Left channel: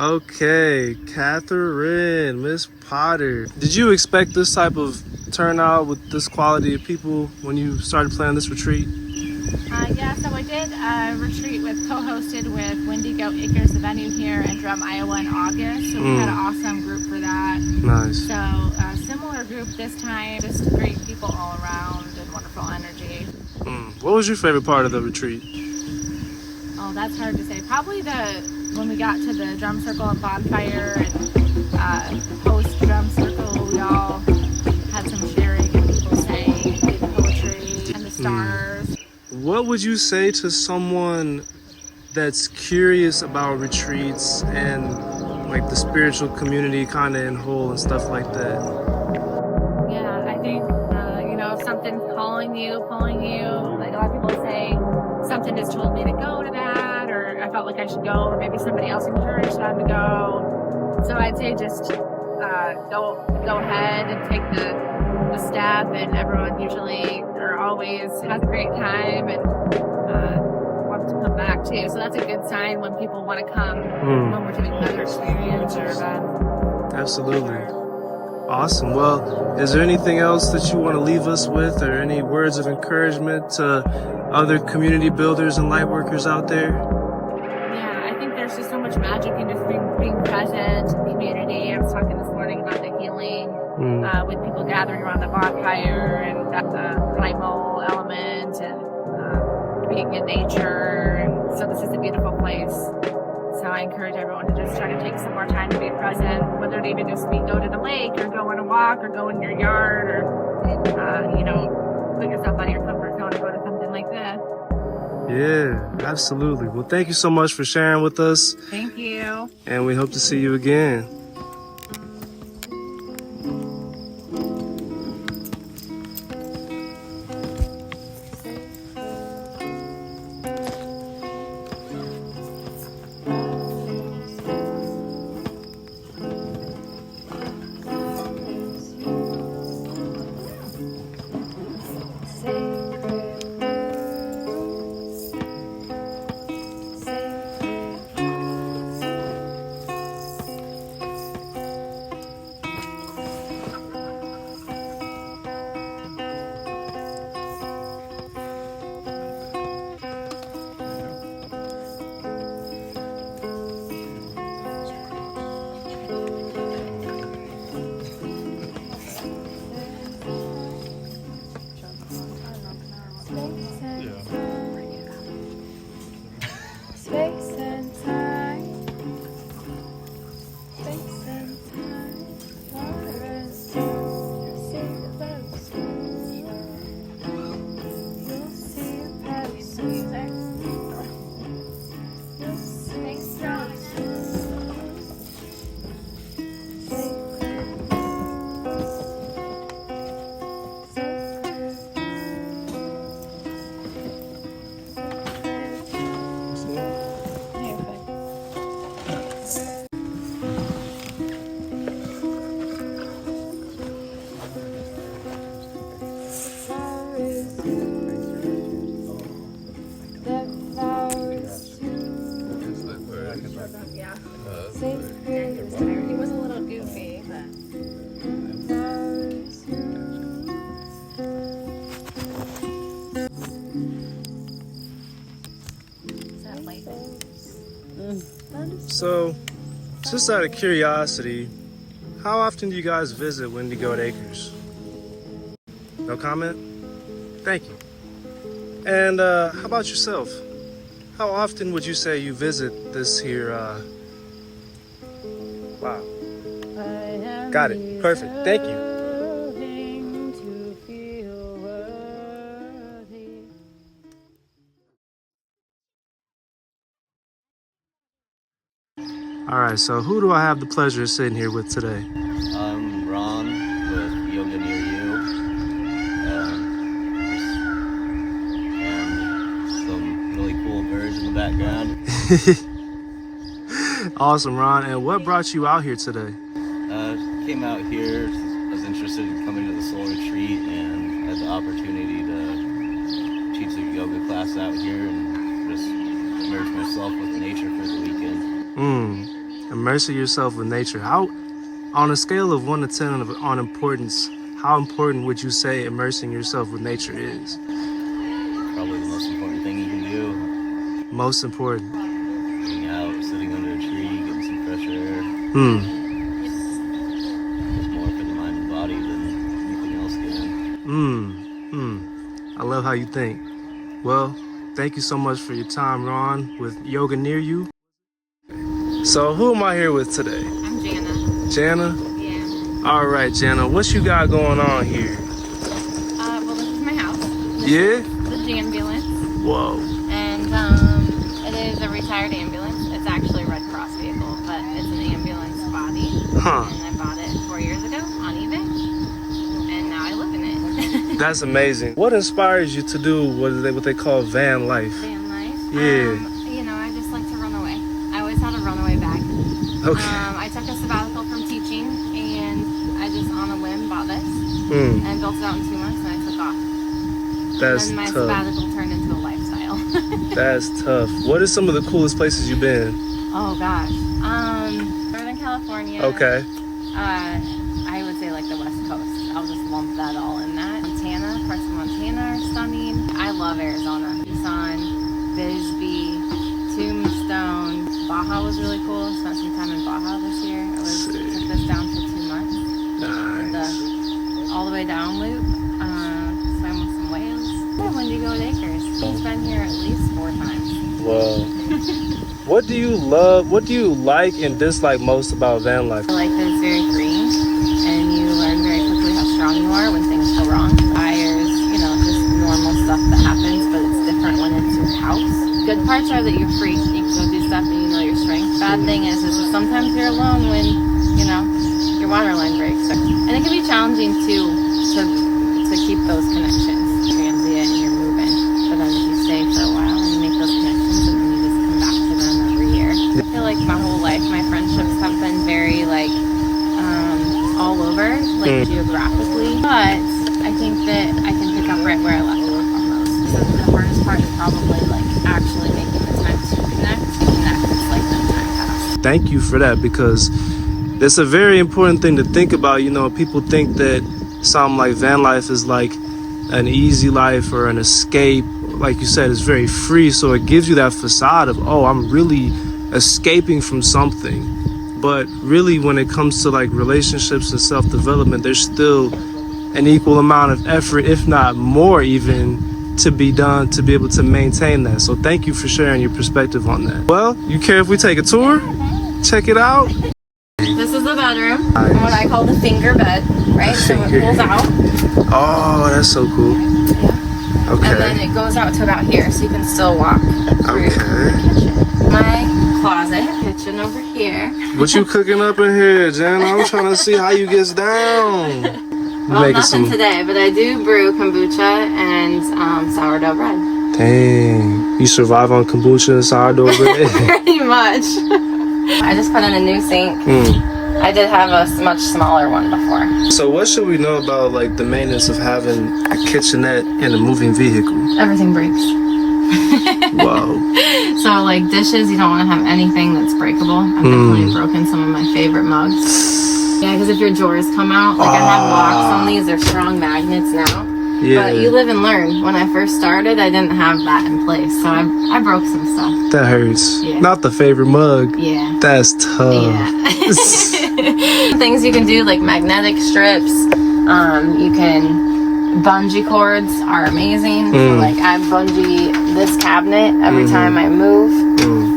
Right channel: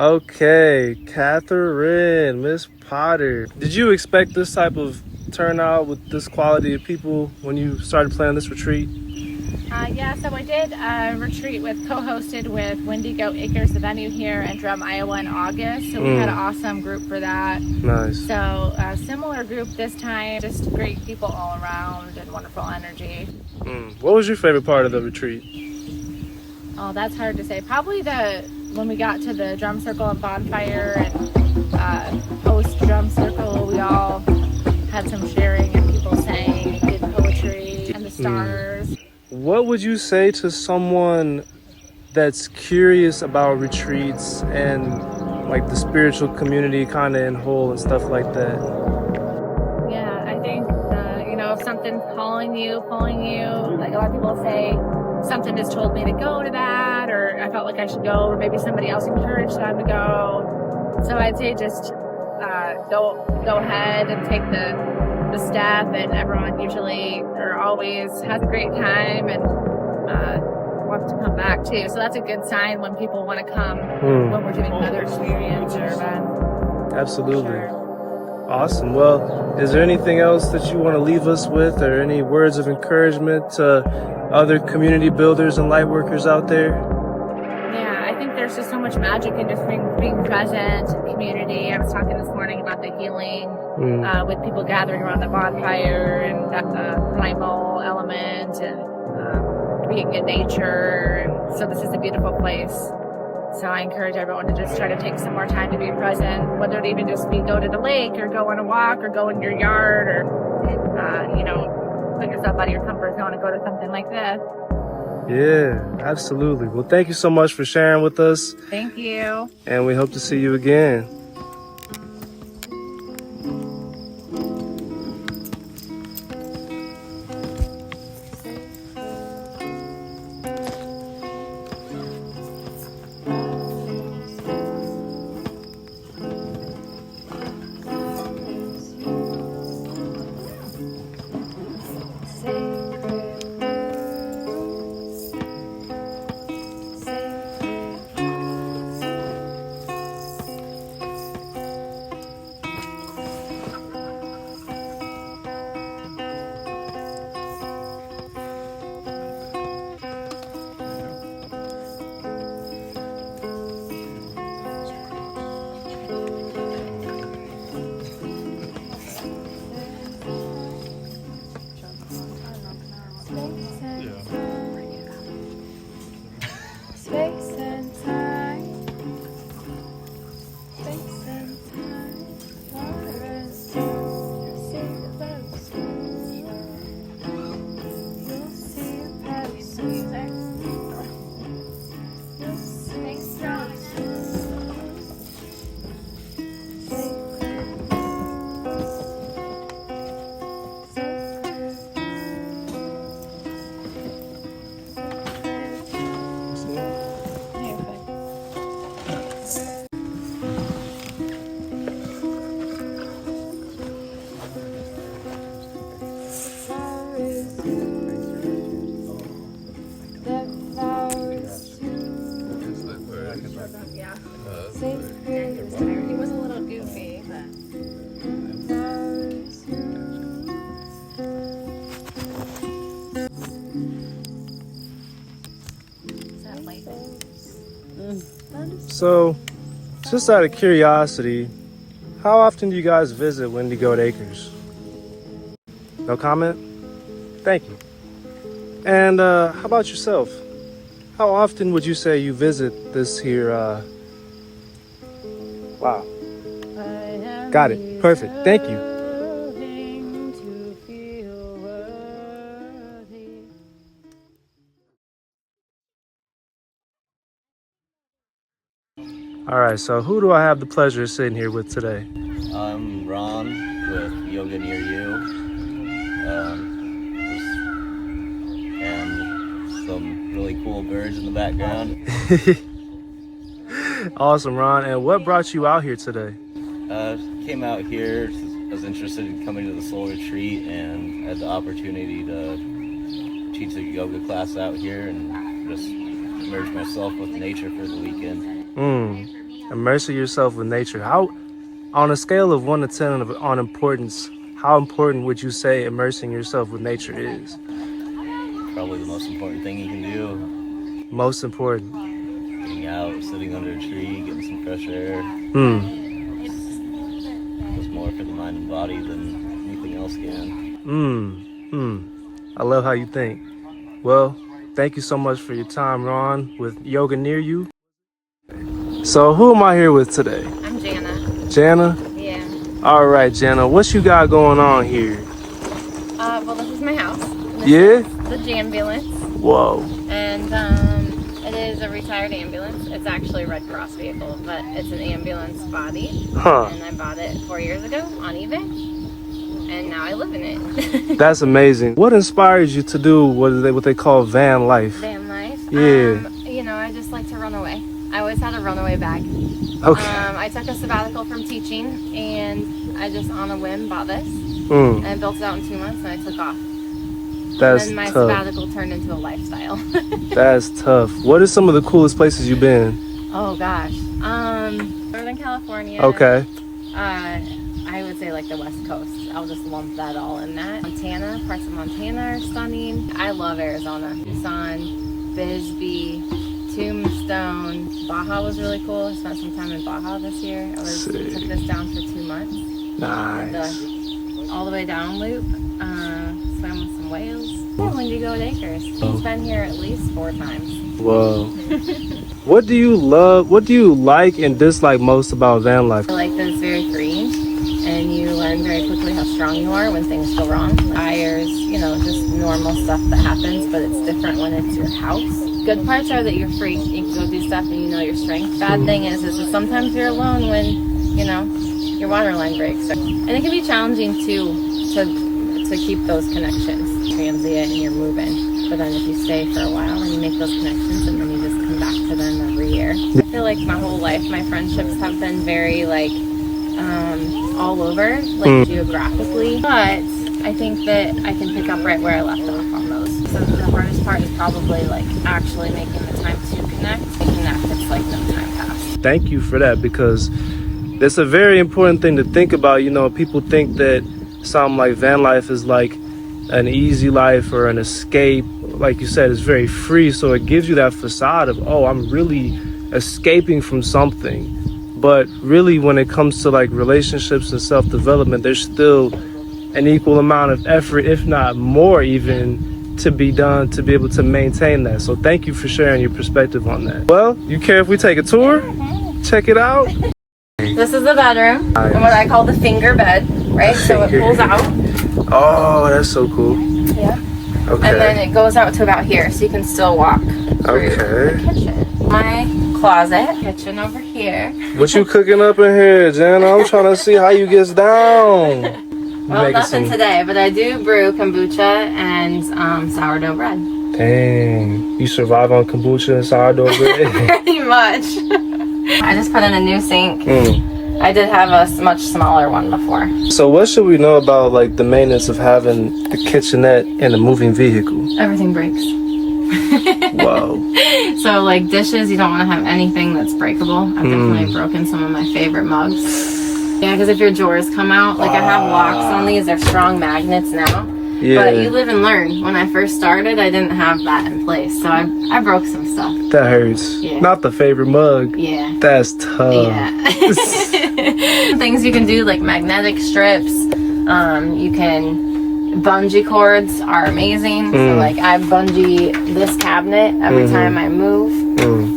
Okay, Catherine, Miss Potter. Did you expect this type of turnout with this quality of people when you started planning this retreat? Yeah, so I did a retreat co-hosted with Wendigo Acres, the venue here in Drum, Iowa in August. So we had an awesome group for that. Nice. So a similar group this time, just great people all around and wonderful energy. What was your favorite part of the retreat? Oh, that's hard to say. Probably when we got to the drum circle and bonfire and post drum circle, we all had some sharing and people sang and did poetry and the stars. What would you say to someone that's curious about retreats and like the spiritual community kind of in whole and stuff like that? Yeah, I think, if something's pulling you, like a lot of people say, something just told me to go to that, or I felt like I should go, or maybe somebody else encouraged them to go. So I'd say just go ahead and take the step, and everyone usually or always has a great time and wants to come back too. So that's a good sign when people want to come when we're doing another experience or event. Absolutely. Sure. Awesome. Well, is there anything else that you want to leave us with, or any words of encouragement to other community builders and light workers out there? Yeah, I think there's just so much magic in just being present in community. I was talking this morning about the healing with people gathering around the bonfire and the primal element and being in nature. And so this is a beautiful place. So I encourage everyone to just try to take some more time to be present, whether it even just be go to the lake or go on a walk or go in your yard or, put yourself out of your comfort zone and go to something like this. Yeah, absolutely. Well, thank you so much for sharing with us. Thank you. And we hope to see you again. So, just out of curiosity, how often do you guys visit Windy Goat Acres? No comment? Thank you. And how about yourself? How often would you say you visit this here? Wow. Got it. Perfect. Thank you. All right, so who do I have the pleasure of sitting here with today? I'm Ron with Yoga Near You, and some really cool birds in the background. Awesome, Ron. And what brought you out here today? Came out here, I was interested in coming to the soul retreat, and had the opportunity to teach a yoga class out here and just immerse myself with nature for the weekend. Immersing yourself with nature. How, on a scale of 1 to 10 on importance, how important would you say immersing yourself with nature is? Probably the most important thing you can do. Most important. Being out, sitting under a tree, getting some fresh air. It's more for the mind and body than anything else can. I love how you think. Well, thank you so much for your time, Ron, with Yoga Near You. So who am I here with today? I'm Jana. Jana? Yeah. All right, Jana, what you got going on here? Well, this is my house. This Yeah? is the Janbulance. Whoa. And it is a retired ambulance. It's actually a Red Cross vehicle, but it's an ambulance body. Huh. And I bought it 4 years ago on eBay. And now I live in it. That's amazing. What inspires you to do what they call van life? Van life. Yeah. You know, I just like to run away. I always had a runaway bag. Okay. I took a sabbatical from teaching, and I just on a whim bought this and built it out in 2 months, and I took off. That's and then my tough. sabbatical turned into a lifestyle. That's tough. What are some of the coolest places you've been? Oh gosh. Northern California. Okay. I would say like the West Coast. I'll just lump that all in that. Montana, parts of Montana are stunning. I love Arizona. Tucson, Bisbee, Tombstone. Baja was really cool. Spent some time in Baja this year. Took this down for 2 months. Nice. All the way down loop. Swam with some whales. Yeah, Windy Goat Acres. He's been here at least 4 times. Whoa. What do you love? What do you like and dislike most about van life? I like that it's very free, and you learn very quickly how strong you are when things go wrong. Fires, you know, just normal stuff that happens, but it's different when it's your house. Good parts are that you're free. You can go do stuff and you know your strength. Bad thing is that sometimes you're alone when, you know, your water line breaks. And it can be challenging too to keep those connections. Transient and you're moving. But then if you stay for a while and you make those connections and then you just come back to them every year. I feel like my whole life, my friendships have been very like all over, like geographically. But I think that I can pick up right where I left off on those. So the hardest part is probably like actually making the time to connect. It's like no time passed. Thank you for that, because it's a very important thing to think about. You know, people think that something like van life is like an easy life or an escape. Like you said, it's very free, so it gives you that facade of, oh, I'm really escaping from something. But really, when it comes to like relationships and self-development, there's still an equal amount of effort, if not more even, to be done to be able to maintain that. So thank you for sharing your perspective on that. Well, you care if we take a tour? Check it out. This is the bedroom, and what I call the finger bed, right? So it pulls out. Oh, that's so cool. Yeah. Okay. And then it goes out to about here, so you can still walk through the kitchen. My closet, kitchen over here. What you cooking up in here, Jen? I'm trying to see how you gets down. Well, nothing today, but I do brew kombucha and sourdough bread. Dang. You survive on kombucha and sourdough bread? Pretty much. I just put in a new sink. I did have a much smaller one before. So what should we know about like the maintenance of having a kitchenette in a moving vehicle? Everything breaks. Wow. So like dishes, you don't want to have anything that's breakable. I've definitely broken some of my favorite mugs. Yeah, because if your drawers come out, like I have locks on these, they're strong magnets now. Yeah. But you live and learn. When I first started, I didn't have that in place, so I broke some stuff. That hurts. Yeah. Not the favorite mug. Yeah. That's tough. Yeah. Things you can do, like magnetic strips. You can bungee cords are amazing. So like I bungee this cabinet every time I move.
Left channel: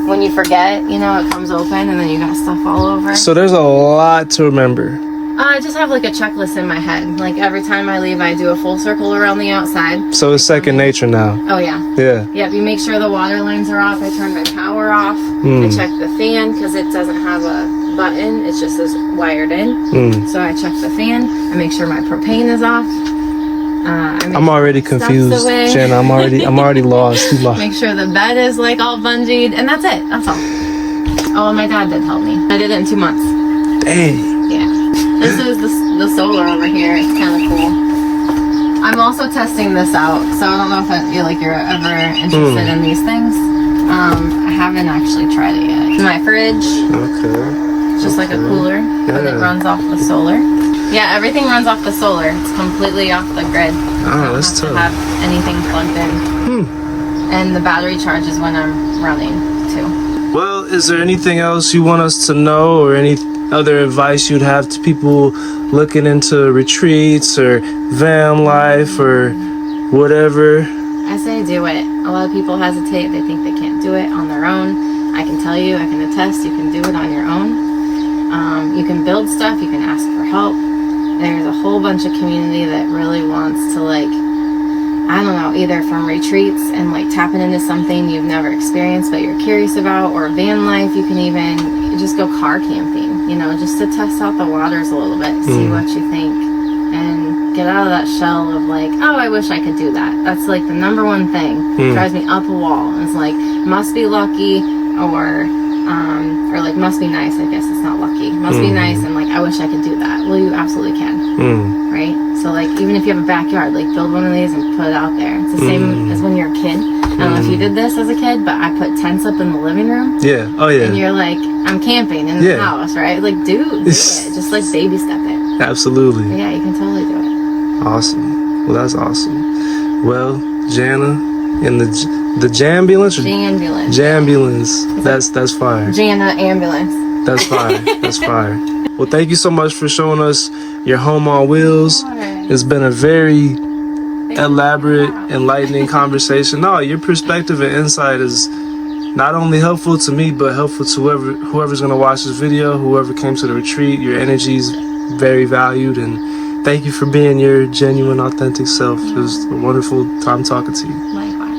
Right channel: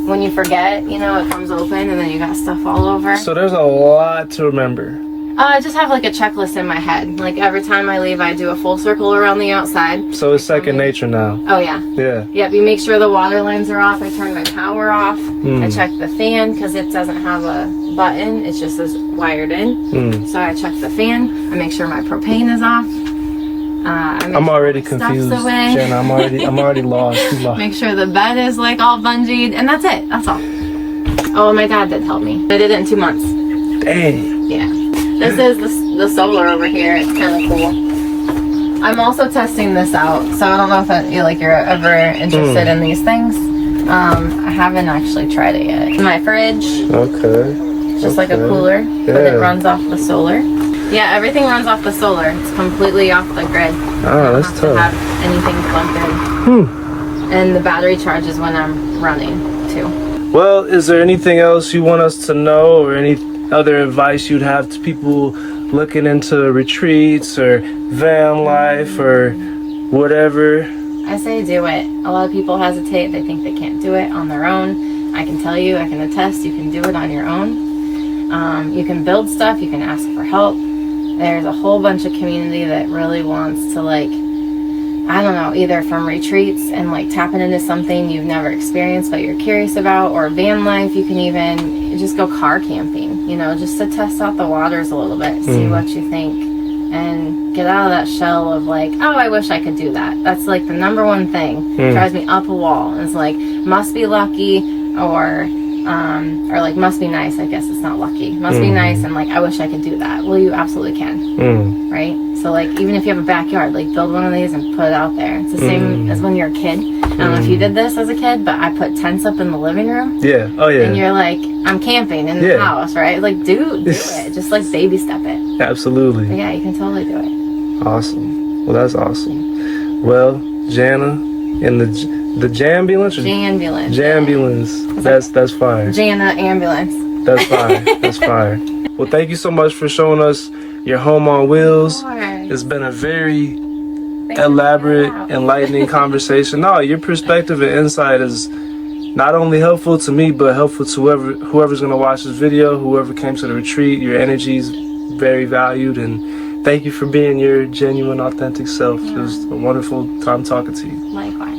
When you forget, you know, it comes open and then you got stuff all over. So there's a lot to remember. I just have like a checklist in my head. Like every time I leave, I do a full circle around the outside. So it's second nature now. Oh yeah. Yeah. Yep, you make sure the water lines are off. I turn my power off. I check the fan because it doesn't have a button. It's just as wired in. So I check the fan. I make sure my propane is off. I'm already confused, Jen. I'm already lost. You lost. Make sure the bed is like all bungeed, and that's it. That's all. Oh, and my dad did help me. I did it in 2 months. Dang. Yeah. This is the solar over here. It's kind of cool. I'm also testing this out, so I don't know if you're ever interested in these things. I haven't actually tried it yet. My fridge. Okay. Just like a cooler, but it runs off the solar. Yeah, everything runs off the solar. It's completely off the grid. Ah, that's tough. Have anything plugged in. And the battery charges when I'm running too. Well, is there anything else you want us to know, or any other advice you'd have to people looking into retreats or van life or whatever? I say do it. A lot of people hesitate. They think they can't do it on their own. I can tell you, I can attest, you can do it on your own. You can build stuff. You can ask for help. There's a whole bunch of community that really wants to, like, I don't know, either from retreats and like tapping into something you've never experienced but you're curious about, or van life. You can even just go car camping, you know, just to test out the waters a little bit, see what you think, and get out of that shell of like, oh, I wish I could do that. That's like the number one thing. Drives me up a wall. It's like, must be lucky, or like must be nice. I guess it's not lucky. Must be nice, and like I wish I could do that. Well, you absolutely can, right? So like even if you have a backyard, like build one of these and put it out there. It's the same as when you're a kid. I don't know if you did this as a kid, but I put tents up in the living room. Yeah. Oh yeah. And you're like, I'm camping in the house, right? Like do it. Just like baby step it. Absolutely. But yeah, you can totally do it. Awesome. Well, that's awesome. Well, Jana, in the Janbulance? Janbulance. That's fire. Jana ambulance. That's fire. That's fire. Well, thank you so much for showing us your home on wheels. It's been a very elaborate, enlightening conversation. No, your perspective and insight is not only helpful to me, but helpful to whoever's going to watch this video, whoever came to the retreat. Your energy is very valued, and thank you for being your genuine, authentic self. It was a wonderful time talking to you. Likewise.